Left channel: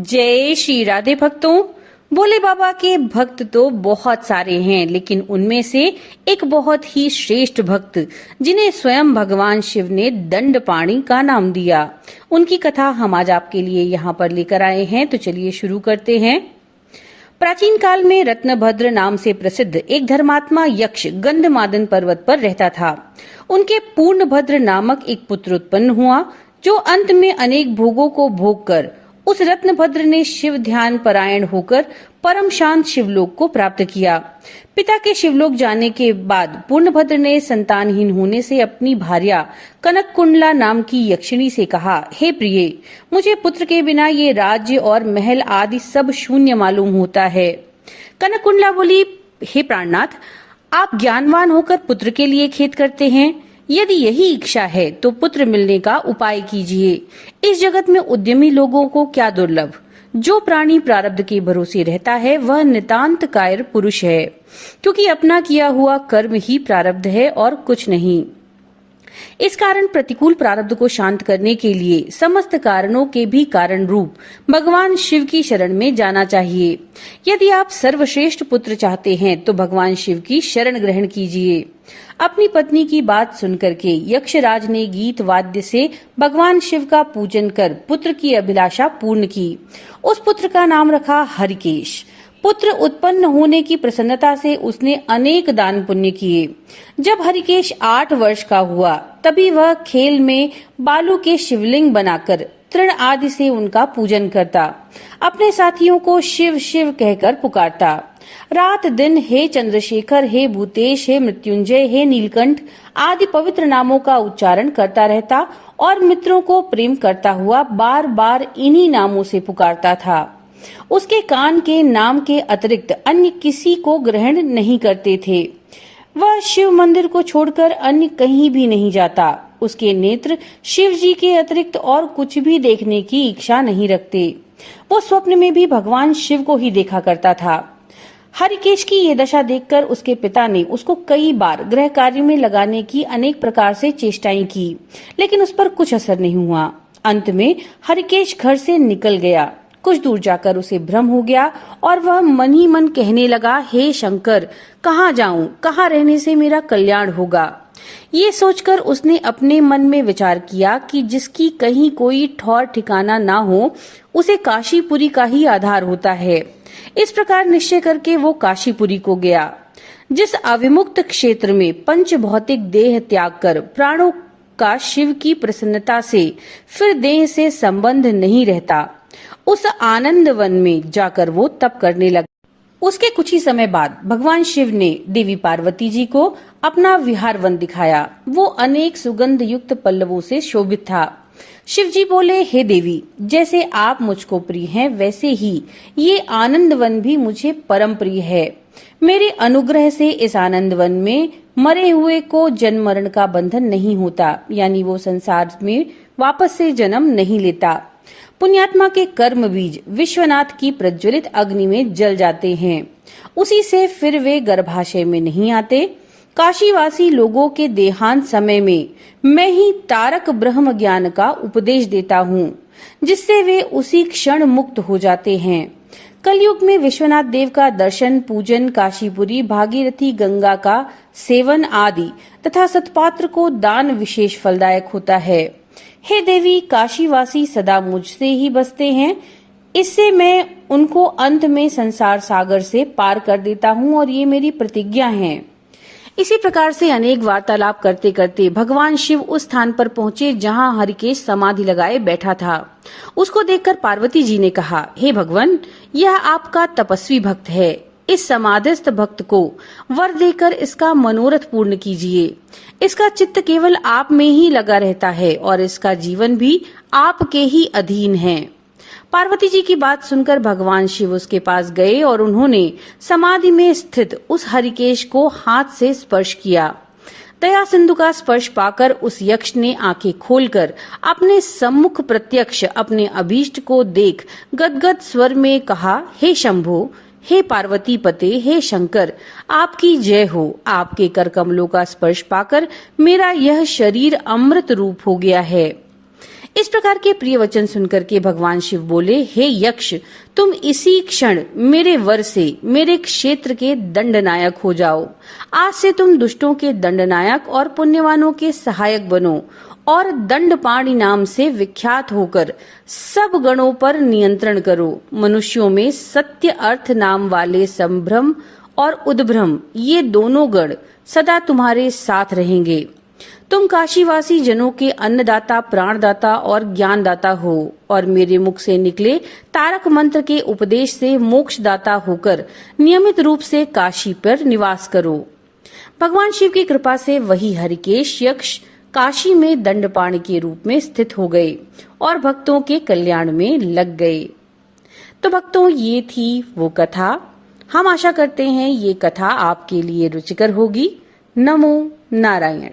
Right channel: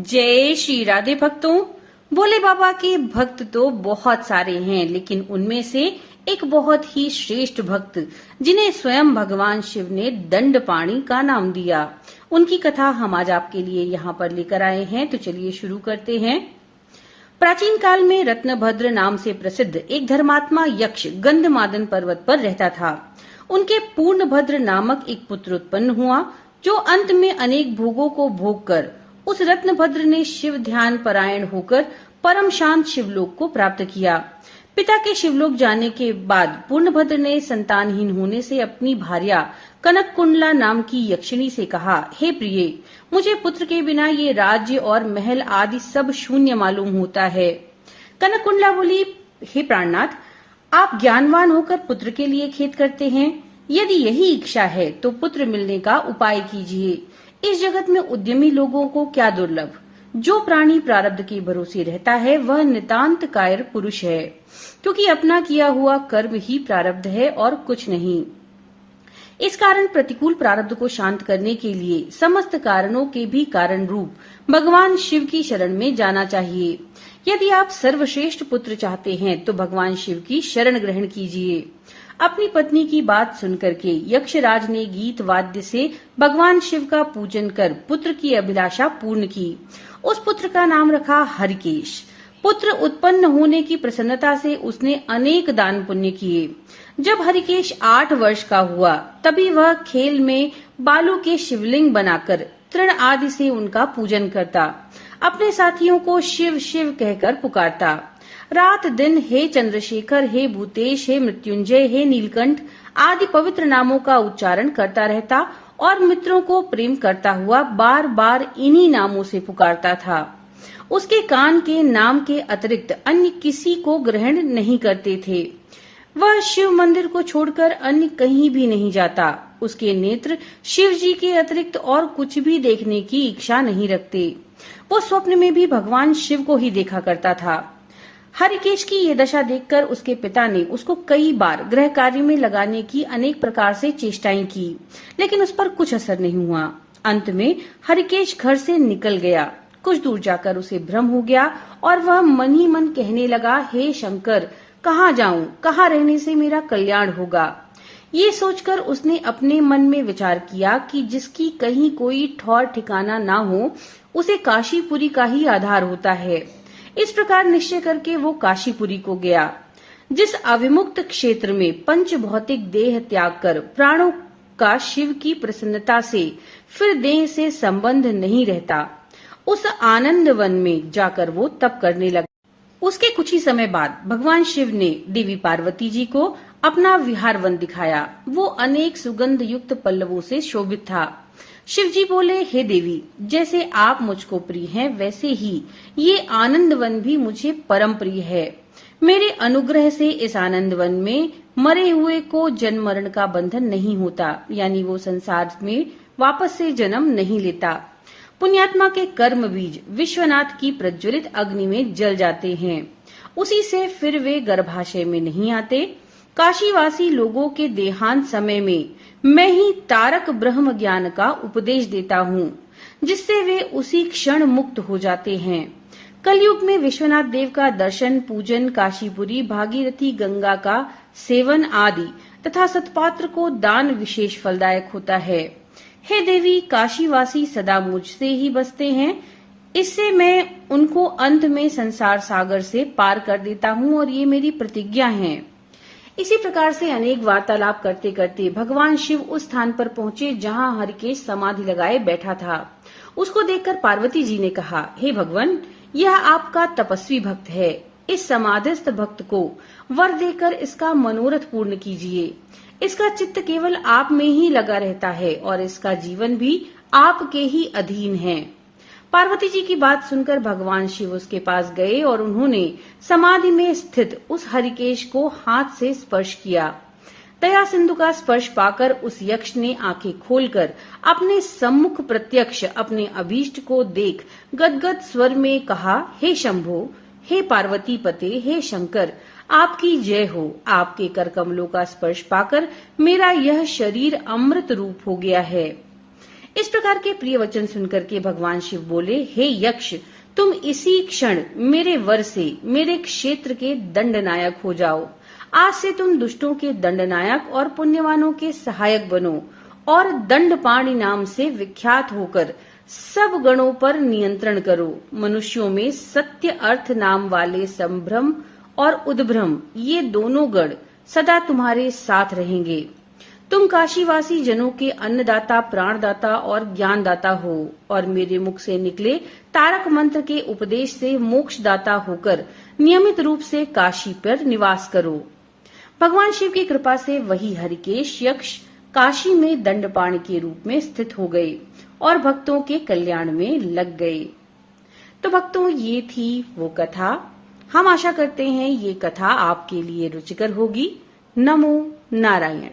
जय श्री राधे भक्तों। भोले बाबा के भक्त तो बहुत सारे हैं, लेकिन उनमें से एक बहुत ही श्रेष्ठ भक्त जिन्हें स्वयं भगवान शिव ने दंडपाणि का नाम दिया, उनकी कथा हम आज आपके लिए यहाँ पर लेकर आए हैं। तो चलिए शुरू करते हैं। प्राचीन काल में रत्नभद्र नाम से प्रसिद्ध एक धर्मात्मा यक्ष गंधमादन पर्वत पर रहता था। उनके पूर्णभद्र नामक एक पुत्र उत्पन्न हुआ, जो अंत में अनेक भोगों को भोग कर उस रत्नभद्र ने शिव ध्यान परायण होकर परम शांत शिवलोक को प्राप्त किया। पिता के शिवलोक जाने के बाद पूर्णभद्र ने संतानहीन होने से अपनी भार्या कनक कुंडला नाम की यक्षिणी से कहा, हे प्रिय, मुझे पुत्र के बिना ये राज्य और महल आदि सब शून्य मालूम होता है। कनक कुंडला बोली, हे प्राणनाथ, आप ज्ञानवान होकर पुत्र के लिए खेद करते हैं। यदि यही इच्छा है तो पुत्र मिलने का उपाय कीजिए। इस जगत में उद्यमी लोगों को क्या दुर्लभ। जो प्राणी प्रारब्ध के भरोसे रहता है वह नितांत कायर पुरुष है, क्योंकि अपना किया हुआ कर्म ही प्रारब्ध है और कुछ नहीं। इस कारण प्रतिकूल प्रारब्ध को शांत करने के लिए समस्त कारणों के भी कारण रूप भगवान शिव की शरण में जाना चाहिए। यदि आप सर्वश्रेष्ठ पुत्र चाहते हैं तो भगवान शिव की शरण ग्रहण कीजिए। अपनी पत्नी की बात सुनकर के यक्षराज ने गीत वाद्य से भगवान शिव का पूजन कर पुत्र की अभिलाषा पूर्ण की। उस पुत्र का नाम रखा हरिकेश। पुत्र उत्पन्न होने की प्रसन्नता से उसने अनेक दान पुण्य किए। जब हरिकेश 8 वर्ष का हुआ तभी वह खेल में बालू के शिवलिंग बनाकर तृण आदि से उनका पूजन करता। अपने साथियों को शिव शिव कहकर पुकारता। रात दिन हे चंद्रशेखर, हे भूतेश, हे मृत्युंजय, हे नीलकंठ आदि पवित्र नामों का उच्चारण करता रहता और मित्रों को प्रेम करता हुआ बार बार इन्हीं नामों से पुकारता था। उसके कान के नाम के अतिरिक्त अन्य किसी को ग्रहण नहीं करते थे। वह शिव मंदिर को छोड़कर अन्य कहीं भी नहीं जाता। उसके नेत्र शिव जी के अतिरिक्त और कुछ भी देखने की इच्छा नहीं रखते। वो स्वप्न में भी भगवान शिव को ही देखा करता था। हरिकेश की ये दशा देखकर उसके पिता ने उसको कई बार गृह कार्य में लगाने की अनेक प्रकार से चेष्टाएं की, लेकिन उस पर कुछ असर नहीं हुआ। अंत में हरिकेश घर से निकल गया। कुछ दूर जाकर उसे भ्रम हो गया और वह मन ही मन कहने लगा, हे शंकर, कहाँ जाऊं, कहाँ रहने से मेरा कल्याण होगा। ये सोचकर उसने अपने मन में विचार किया कि जिसकी कहीं कोई ठौर ठिकाना ना हो उसे काशीपुरी का ही आधार होता है। इस प्रकार निश्चय करके वो काशीपुरी को गया। जिस अविमुक्त क्षेत्र में पंच भौतिक देह त्याग कर प्राणों का शिव की प्रसन्नता से फिर देह से संबंध नहीं रहता, उस आनंद वन में जाकर वो तप करने लगा। उसके कुछ ही समय बाद भगवान शिव ने देवी पार्वती जी को अपना विहार वन दिखाया। वो अनेक सुगंध युक्त पल्लवों से शोभित था। शिव जी बोले, हे देवी, जैसे आप मुझको प्रिय हैं वैसे ही ये आनंद वन भी मुझे परम प्रिय है। मेरे अनुग्रह से इस आनंद वन में मरे हुए को जन्म मरण का बंधन नहीं होता, यानी वो संसार में वापस से जन्म नहीं लेता। पुण्यात्मा के कर्म बीज विश्वनाथ की प्रज्वलित अग्नि में जल जाते हैं, उसी से फिर वे गर्भाशय में नहीं आते। काशीवासी लोगों के देहांत समय में मैं ही तारक ब्रह्म ज्ञान का उपदेश देता हूँ, जिससे वे उसी क्षण मुक्त हो जाते हैं। कलयुग में विश्वनाथ देव का दर्शन, पूजन, काशीपुरी, भागीरथी गंगा का सेवन आदि तथा सतपात्र को दान विशेष फलदायक होता है। हे देवी, काशीवासी सदा मुझसे ही बसते हैं, इससे मैं उनको अंत में संसार सागर से पार कर देता हूँ और ये मेरी प्रतिज्ञा है। इसी प्रकार से अनेक वार्तालाप करते करते भगवान शिव उस स्थान पर पहुंचे जहां हरिकेश समाधि लगाए बैठा था। उसको देखकर पार्वती जी ने कहा, हे भगवान, यह आपका तपस्वी भक्त है। इस समाधिस्थ भक्त को वर देकर इसका मनोरथ पूर्ण कीजिए। इसका चित्त केवल आप में ही लगा रहता है और इसका जीवन भी आपके ही अधीन है। पार्वती जी की बात सुनकर भगवान शिव उसके पास गए और उन्होंने समाधि में स्थित उस हरिकेश को हाथ से स्पर्श किया। दया सिंधु का स्पर्श पाकर उस यक्ष ने आंखें खोलकर अपने सम्मुख प्रत्यक्ष अपने अभीष्ट को देख गदगद स्वर में कहा, हे शंभो, हे पार्वती पते, हे शंकर, आपकी जय हो। आपके कर कमलों का स्पर्श पाकर मेरा यह शरीर अमृत रूप हो गया है। इस प्रकार के प्रिय वचन सुनकर के भगवान शिव बोले, हे यक्ष, तुम इसी क्षण मेरे वर से मेरे क्षेत्र के दंडनायक हो जाओ। आज से तुम दुष्टों के दंडनायक और पुण्यवानों के सहायक बनो और दंडपाणि नाम से विख्यात होकर सब गणों पर नियंत्रण करो। मनुष्यों में सत्य अर्थ नाम वाले संभ्रम और उद्भ्रम, ये दोनों गण सदा तुम्हारे साथ रहेंगे। तुम काशीवासी जनों के अन्नदाता, प्राणदाता और ज्ञानदाता हो और मेरे मुख से निकले तारक मंत्र के उपदेश से मोक्षदाता होकर नियमित रूप से काशी पर निवास करो। भगवान शिव की कृपा से वही हरिकेश यक्ष काशी में दंडपाणि के रूप में स्थित हो गए और भक्तों के कल्याण में लग गए। तो भक्तों, ये थी वो कथा। हम आशा करते हैं ये कथा आपके लिए रुचिकर होगी। नमो नारायण।